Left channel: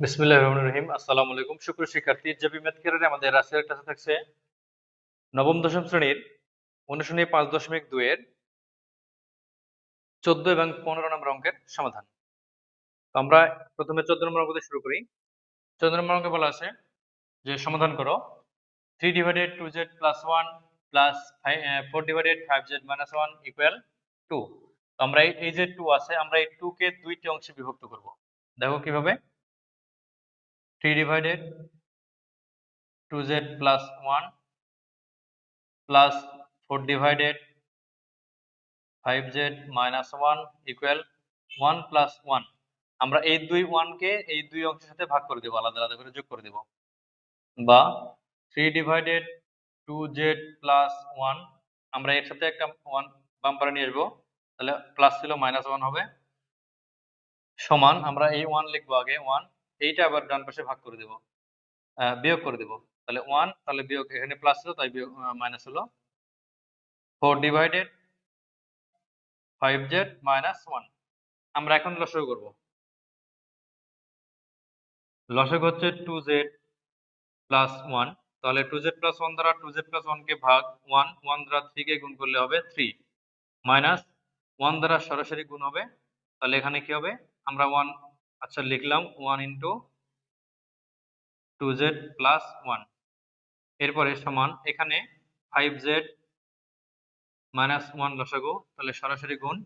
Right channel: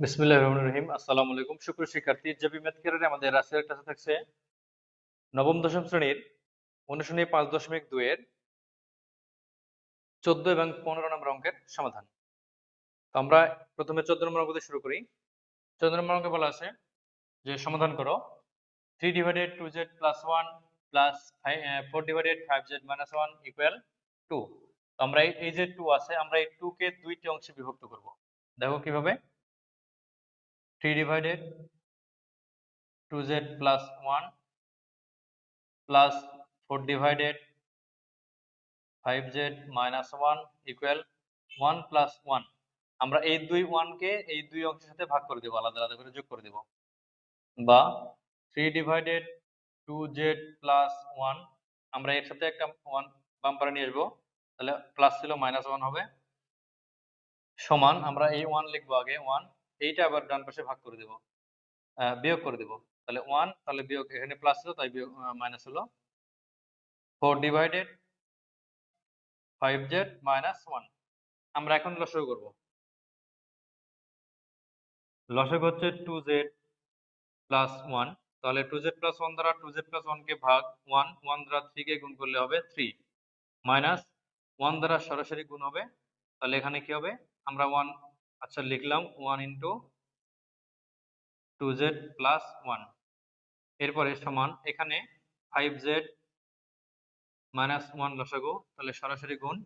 বিসমিল্লাহির রহমানির রহিম। আসসালামু আলাইকুম। সুপ্রিয় শিক্ষার্থী ম্যাথ আমাদের ক্লাসে থাকছে নবম, দশম শ্রেণির পাঁচ দশমিক চোদ্দ এবং পনেরো নম্বর অঙ্কের সমাধান। তো আমরা প্রথমে চোদ্দ নম্বর অঙ্ক শুরু করি। চোদ্দ নম্বর অঙ্কে বলা আছে যে, সমাধান করো। Three divided two Z plus one plus four divided five Z minus one equal to আমরা এই- যে টু আছে, আমরা এই টু কে দুইটি অংশে বিভক্ত করব। দেখো কীভাবে? 3 divided 2z plus 1 plus 4 divided 5z minus 1 equal 1 plus 1 আমরা এই দুই 1 কে এই দুই অংশের সাথে ভাগ করে দেব, আলাদা আলাদা করে যোগ করে দেব। বা 3 divided 2z plus 1 আমরা এর সাথে একটা 1 বাম্পারে নিয়ে আসব, তাহলে প্লাস ছিল মাইনাস 1 হবে। সমান আমরা এই 1 লিখব আগে 1 এইটা আবার ডান পাশে ভাগ করে দেব। বিয়োগ করে দেব। তাহলে ওয়ান তাহলে বিয়োগ এখানে প্লাস ছিল তাই বিয়োগ মাইনাস হলো। Four divided five Z minus one আমরা এখন লসাগু করব। লসাগু হচ্ছে টু জেড প্লাস ওয়ান তাহলে টু জেড প্লাস ওয়ান দ্বারা টু জেড প্লাস ওয়ানকে ভাগ ওয়ান ওয়ান দ্বারা থ্রি কে গুণ করলে হবে থ্রি মাইনাস ওয়ান দ্বারা সরাসরি গুণ হবে। তাহলে এখানে কি হবে? আমরা ওয়ান আচ্ছা লিখলাম one into two Z plus one এরপরে সমান এখানে ফাইভ জেড মাইনাস ওয়ান লসাগু, তাহলে সরাসরি গুণ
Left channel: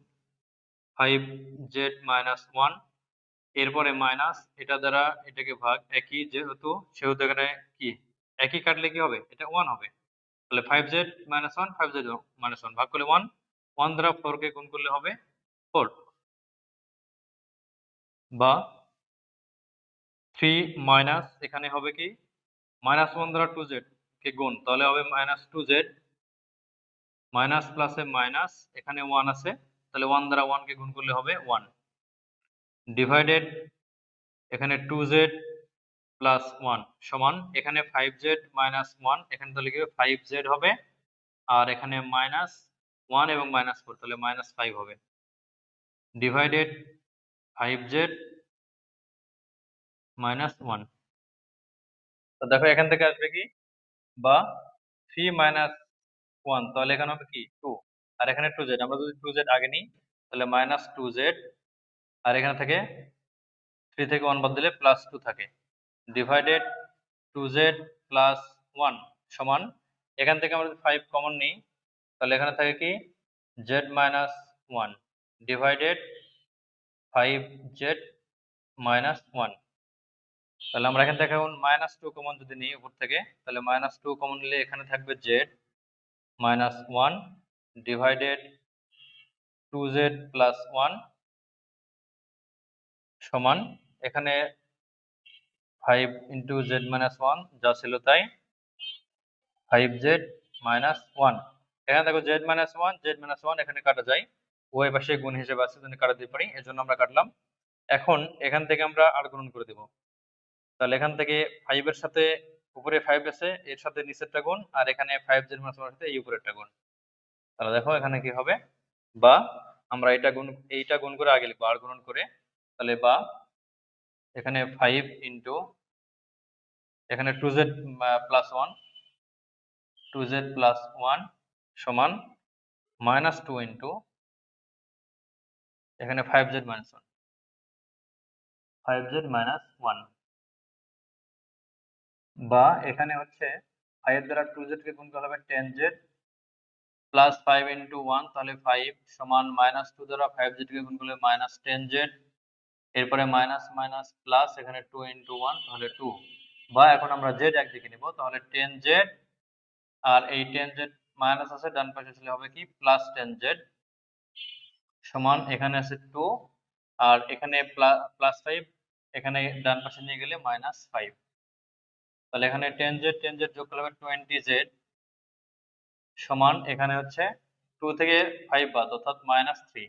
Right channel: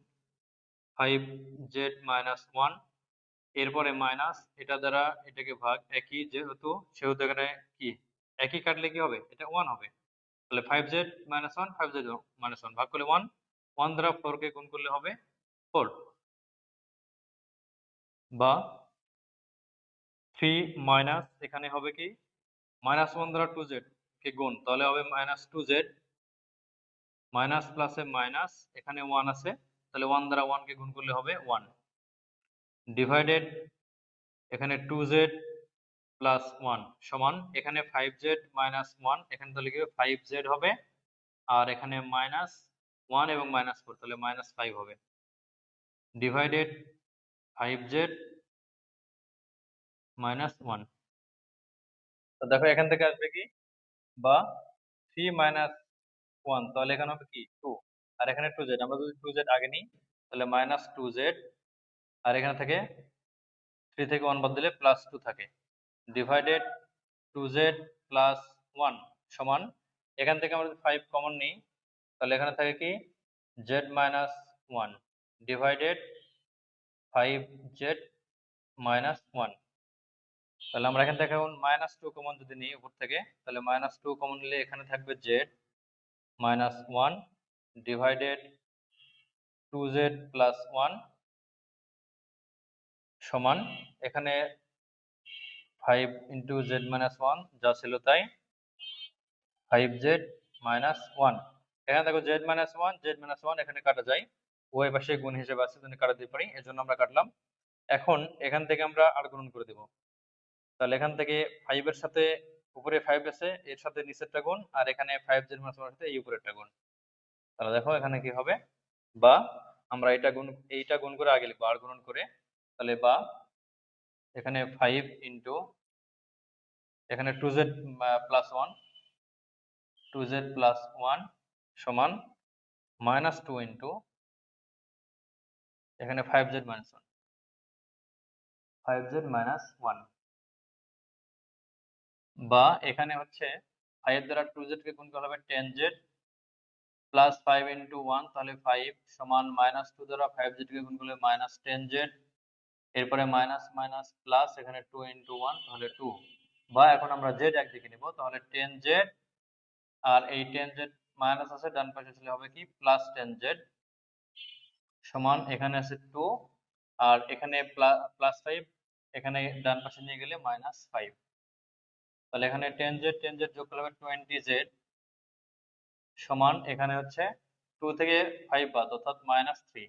ফাইভ জেড মাইনাস ওয়ান এরপরে মাইনাস এটা দ্বারা এটাকে ভাগ একই যেহেতু, সেহেতু এখানে কি? একই কাটলে কি হবে? এটা ওয়ান হবে। তাহলে five Z minus one five Z minus one ভাগ করলে ওয়ান ওয়ান দ্বারা ফোর কে গুণ করলে হবে ফোর বা থ্রি মাইনাস এখানে হবে কি? মাইনাস ওয়ান দ্বারা টু জেড কে গুণ? তাহলে হবে মাইনাস টু জেড মাইনাস প্লাসে মাইনাস এখানে ওয়ান আছে, তাহলে ওয়ান দ্বারা ওয়ান কে গুণ করলে হবে ওয়ান ডিভাইডেড এখানে টু জেড প্লাস ওয়ান সমান, এখানে ফাইভ জেড মাইনাস ওয়ান এখানে তাহলে কি ফাইভ জেড হবে, আর এখানে মাইনাস ওয়ান এবং মাইনাস ফোর তাহলে মাইনাস ফাইভ হবে। Divided five Z minus one তো দেখো এখান থেকে আসবে কি? বা থ্রি মাইনাস ওয়ান তাহলে এখানে হবে কি? টু আর এখানে টু জেড আমরা যদি টু জেড আগে নিই, তাহলে মাইনাস টু জেড আর এখানে থেকে থ্রি থেকে ওয়ান বাদ দিলে প্লাস টু থাকে। Divided two Z plus one সমান, এখান থেকে আমরা ফাইভ কমন নিই, তাহলে এখানে থাকে কি? Z minus one divided five Z minus one তাহলে আমরা এখান থেকে এখন মাইনাস টু কমন যদি নিই উপর থেকে, তাহলে মাইনাস টু কমন নিলে এখানে থাকবে Z minus one divided two Z plus one সমান, এখানে five into Z minus one যা ছিল তাই ফাইভ জেড মাইনাস ওয়ান এখানে দেখো Z minus one Z minus one এখানে কাটা যায়। উভয় পাশে গুণ হিসেবে আছে জন্য কাটা দিতে পারি এর জন্য আমরা কাটলাম। এখন এখান থেকে আমরা আর গুণন করে দেব। তাহলে এখান থেকে ফাইভ এর সাথে উপরে ফাইভ আছে, এর সাথে নিচেরটা গুণ, আর এখানে ফাইভ মাইনাস ওয়ান সাথে এই উপরেরটা গুণ। তাহলে দেখো এখানে কি হবে? বা আমরা এটা গুণ, এইটা গুণ করে আগে লিখব, আর গুণন করে। তাহলে বা এখানে ফাইভ ইন্টু এখানে two Z plus one two Z plus one সমান মাইনাস টু ইন্টু এখানে five Z minus one five Z minus one বা এখানে হচ্ছে ফাইভ দ্বারা টু জেড কে গুণ করলে হবে ten Z plus five into one তাহলে সমান দ্বারা গুণ করলে মাইনাস টেন জেড এরপরে মাইনাস মাইনাস প্লাস এখানে টু ইন্টু ওয়ান তাহলে টু বা এখন আমরা জেড একদিকে নিব, তাহলে টেন জেড আর এই টেন জেড মাইনাস আছে, ডান পাশে ছিল হবে কি? প্লাস টেন জেড সমান এখানে আছে টু আর এখানে প্লাস ফাইভ এখানে ডান পাশে নিয়ে গেলে মাইনাস ফাইভ তাহলে এখানে টেন জেড টেন জেড যোগ করলে টোয়েন্টি জেড সমান এখানে হচ্ছে টু থেকে ফাইভ বাদ, অর্থাৎ মাইনাস থ্রি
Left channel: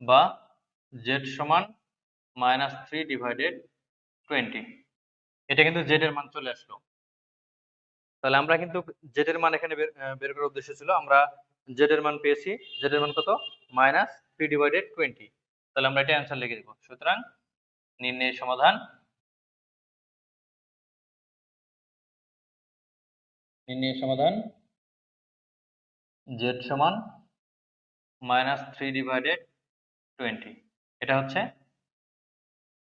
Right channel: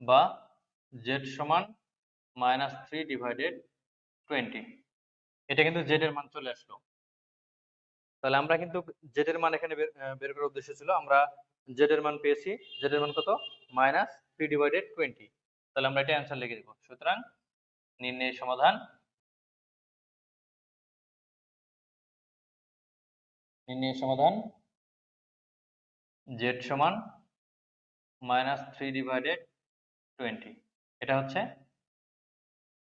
বা জেড সমান মাইনাস থ্রি ডিভাইডেড টোয়েন্টি এটা কিন্তু জেড এর মান চলে আসলো। তাহলে আমরা কিন্তু জেড এর মান এখানে বের করার উদ্দেশ্য ছিল, আমরা জেড এর মান পেয়েছি জেড এর মান কত? মাইনাস থ্রি ডিভাইডেড টোয়েন্টি তাহলে আমরা এটা অ্যান্সার লিখে দেবো। সুতরাং নির্ণয় সমাধান। নির্ণয় সমাধান। জেড সমান মাইনাস থ্রি ডিভাইডেড টোয়েন্টি এটা হচ্ছে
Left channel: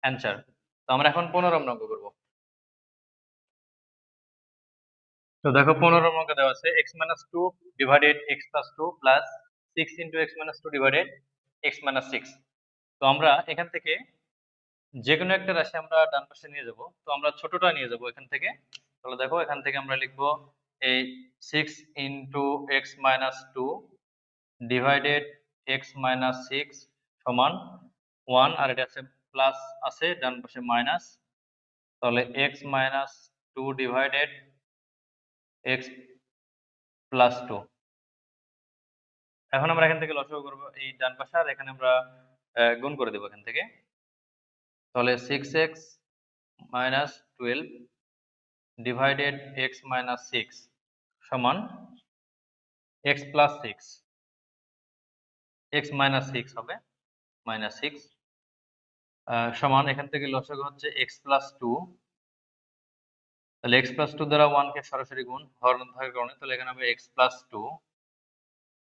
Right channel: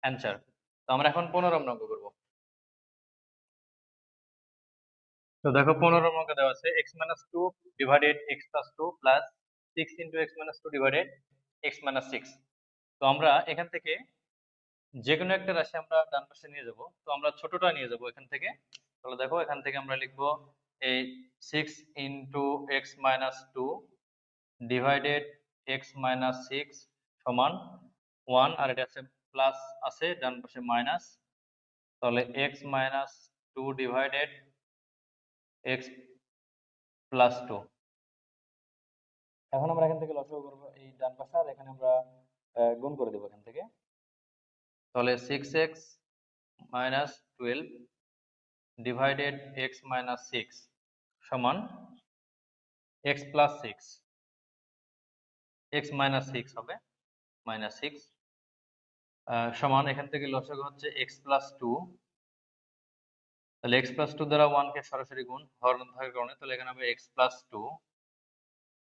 অ্যান্সার তো আমরা এখন পনেরো অঙ্ক করব। তো দেখো পনেরো অঙ্ক দেওয়া আছে X minus two divided X plus two plus six into X minus two divided X minus six তো আমরা এখান থেকে যে কোনো একটা রাশি আমরা ডান পাশে নিয়ে যাব, তো আমরা ছোটটা নিয়ে যাব এখান থেকে। তাহলে দেখো এখান থেকে আমরা লিখব এই six into X minus two divided X minus six সমান ওয়ান আর এটা আছে প্লাস আছে, ডান পাশে মাইনাস তাহলে X minus two divided X plus two এখন আমরা এখান থেকে লসাগু করব এই ডান পাশে, আর এখানে আমরা গুণ করে দেবো এখান থেকে। তাহলে six X minus twelve divided X minus six সমান X plus six X minus six হবে মাইনাস সিক্স সমান এখান থেকে লসাগু হচ্ছে এক্স প্লাস টু তাহলে এক্স প্লাস টু দ্বারা ওয়ানকে সরাসরি গুণ হরণ থাকার কারণে তাহলে এখানে হবে এক্স প্লাস টু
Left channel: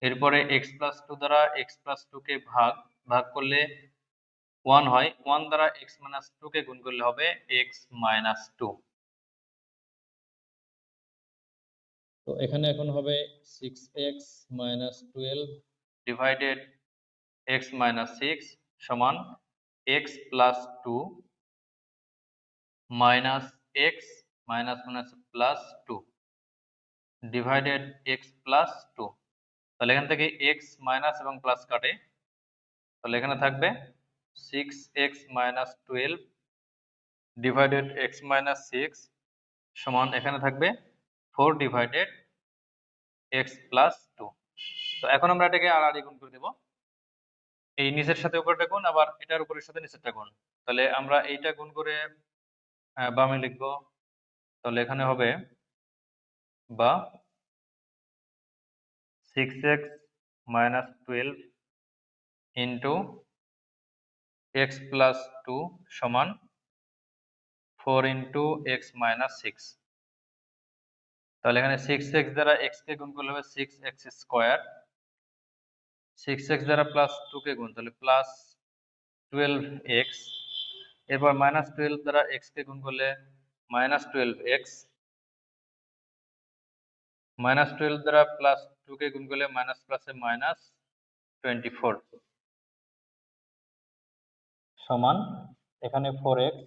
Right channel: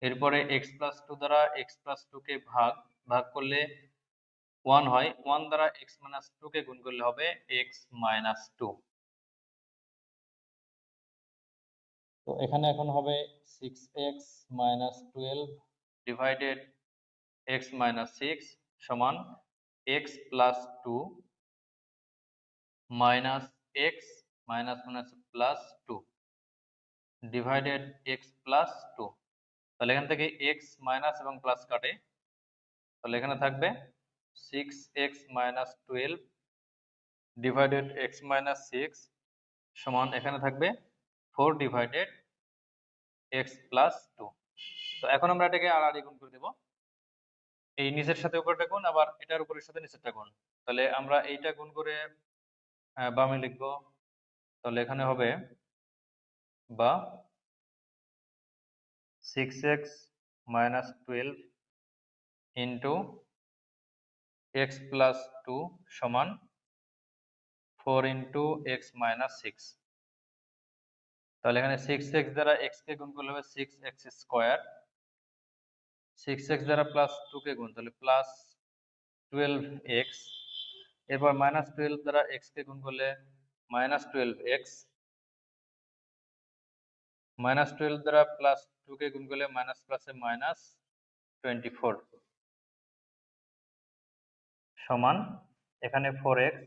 এরপরে এক্স প্লাস টু দ্বারা এক্স প্লাস টু কে ভাগ ভাগ করলে ওয়ান হয়। ওয়ান দ্বারা এক্স মাইনাস টু কে গুণ করলে হবে এক্স মাইনাস টু তো এখানে এখন হবে six X minus twelve divided X minus six সমান X plus two minus X minus minus plus two divided X plus two তাহলে এখান থেকে এক্স মাইনাস এবং প্লাস কাটে। তাহলে এখানে থাকবে six X minus twelve divided X minus six সমান এখানে থাকবে four divided X plus two তো এখন আমরা এটাকে আর গুণ করে দেব। এই নিচের সাথে উপরটা গুণ, আবার এটার উপরের সাথে নিচেরটা গুণ। তাহলে আমরা এইটা গুণ করে বামে লিখব তাহলে এখানে হবে বা six x minus twelve into x plus two সমান four into x minus six তাহলে এখানে সিক্স এক্স দ্বারা এক্স কে গুণ করলে হবে six x square six x দ্বারা প্লাস টু কে গুণ, তাহলে প্লাস টুয়েলভ এক্স এরপর মাইনাস টুয়েলভ দ্বারা এক্স কে গুণ করলে minus twelve x minus twelve দ্বারা প্লাস টু কে গুণ করলে মাইনাস প্লাসে মাইনাস টোয়েন্টি ফোর সমান এখানে four x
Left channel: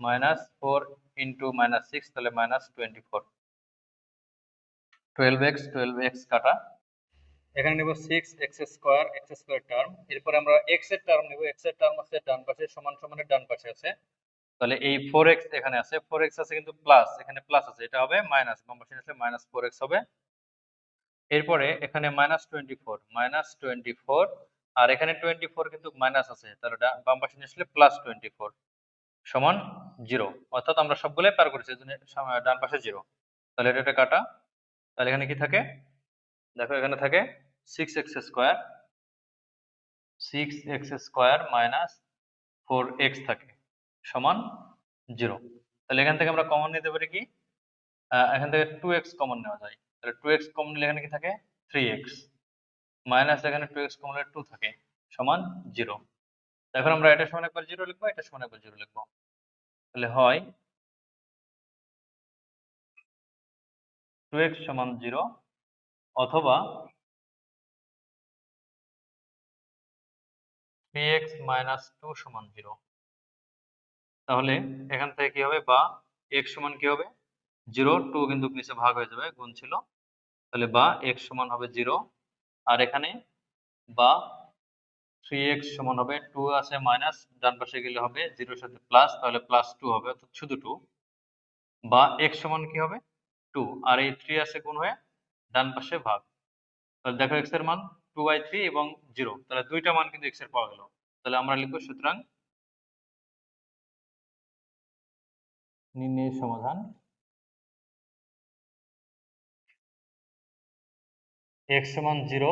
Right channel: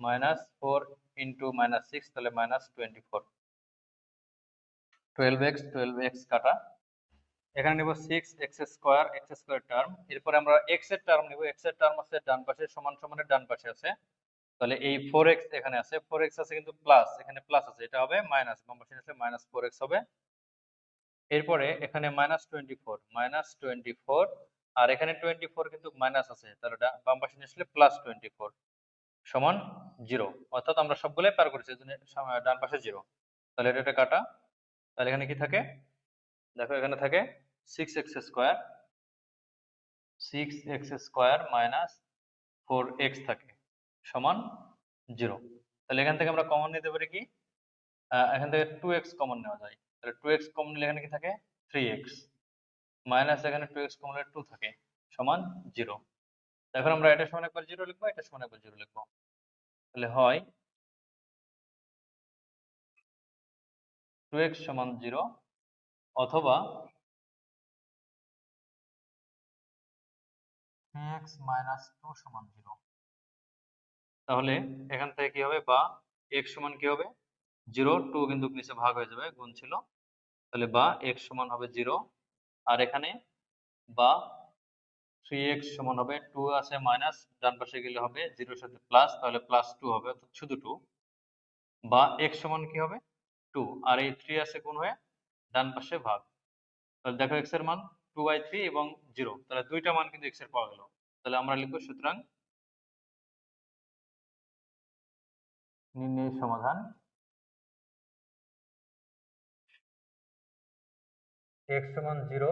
minus four into minus six তাহলে minus twenty four twelve x twelve x কাটা, এখানে নেব six x square x square term এরপরে আমরা এক্সের টার্ম নেব এক্সের টার্ম আছে ডান পাশে, সমান সমানের ডান পাশে আছে তাহলে এই ফোর এক্স এখানে আছে ফোর এক্স আছে কিন্তু প্লাস এখানে প্লাস আছে, এটা হবে মাইনাস পাশে আসলে মাইনাস ফোর এক্স হবে। এরপরে এখানে minus twenty four minus twenty four আর এখানে টোয়েন্টি ফোর কিন্তু মাইনাস আছে তাহলে বাম পাশে নিয়ে আসলে প্লাস টোয়েন্টি ফোর সমান জিরো অর্থাৎ আমরা সবগুলোই পার করেছি এজন্য ডান পাশে জিরো তাহলে এটা একটা কাটা, তাহলে এখানে কি থাকে? দেখো এখানে থাকে six x square six x square minus four x থাকে। সমান জিরো। তাহলে এখান থেকে আমরা কমন নিতে পারি কি? এখান থেকে টু এক্স কমন নেওয়া যায়। তাহলে টু এক্স কমন নিলে এখানে কি থাকে? থ্রি এক্স মাইনাস এখানে টু এক্স কমন টু থাকে, সমান জিরো। এখন আমরা এটা সমান একবার জিরো লিখব, এটা সমান একবার জিরো লিখব। তাহলে হয় টু এক্স সমান জিরো অথবা থ্রি এক্স মাইনাস টু সমান জিরো। তাহলে এখান থেকে কি হবে? বা এক্স সমান কি হবে? জিরো টু কিন্তু নিচে ভাগ হয়ে যাবে, গুণ ছিল। তাহলে বা এক্স সমান হবে জিরো আর এখানে বা থ্রি এক্স সমান হবে টু আছে মাইনাস ডান পাশে গেলে হবে জিরোর সাথে প্লাস তাহলে প্লাস টু হবে, অর্থাৎ শুধু টু বা এক্স সমান কি হবে? টু আর এই থ্রি আছে গুণ হয়ে ডান পাশে ভাগ। তাহলে দেখো এক্সের মান টু বাই থ্রি এবং জিরো তাহলে দুইটা মান কিন্তু এক্সের পাওয়া গেল। তাহলে আমরা লিখব সুতরাং নির্ণয় সমাধান। x সমান জিরো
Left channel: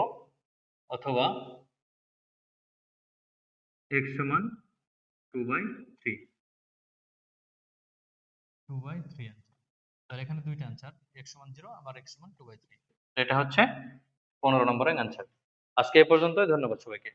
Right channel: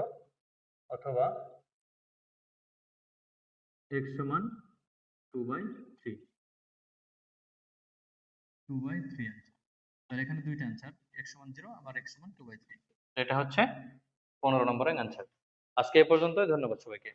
অথবা x সমান two by three two by three তাহলে এখানে দুইটা আনসার এক্স সমান জিরো আবার এক্স সমান টু বাই থ্রি এটা হচ্ছে পনেরো নম্বরের আনসার আজকে এ পর্যন্তই, ধন্যবাদ সবাইকে।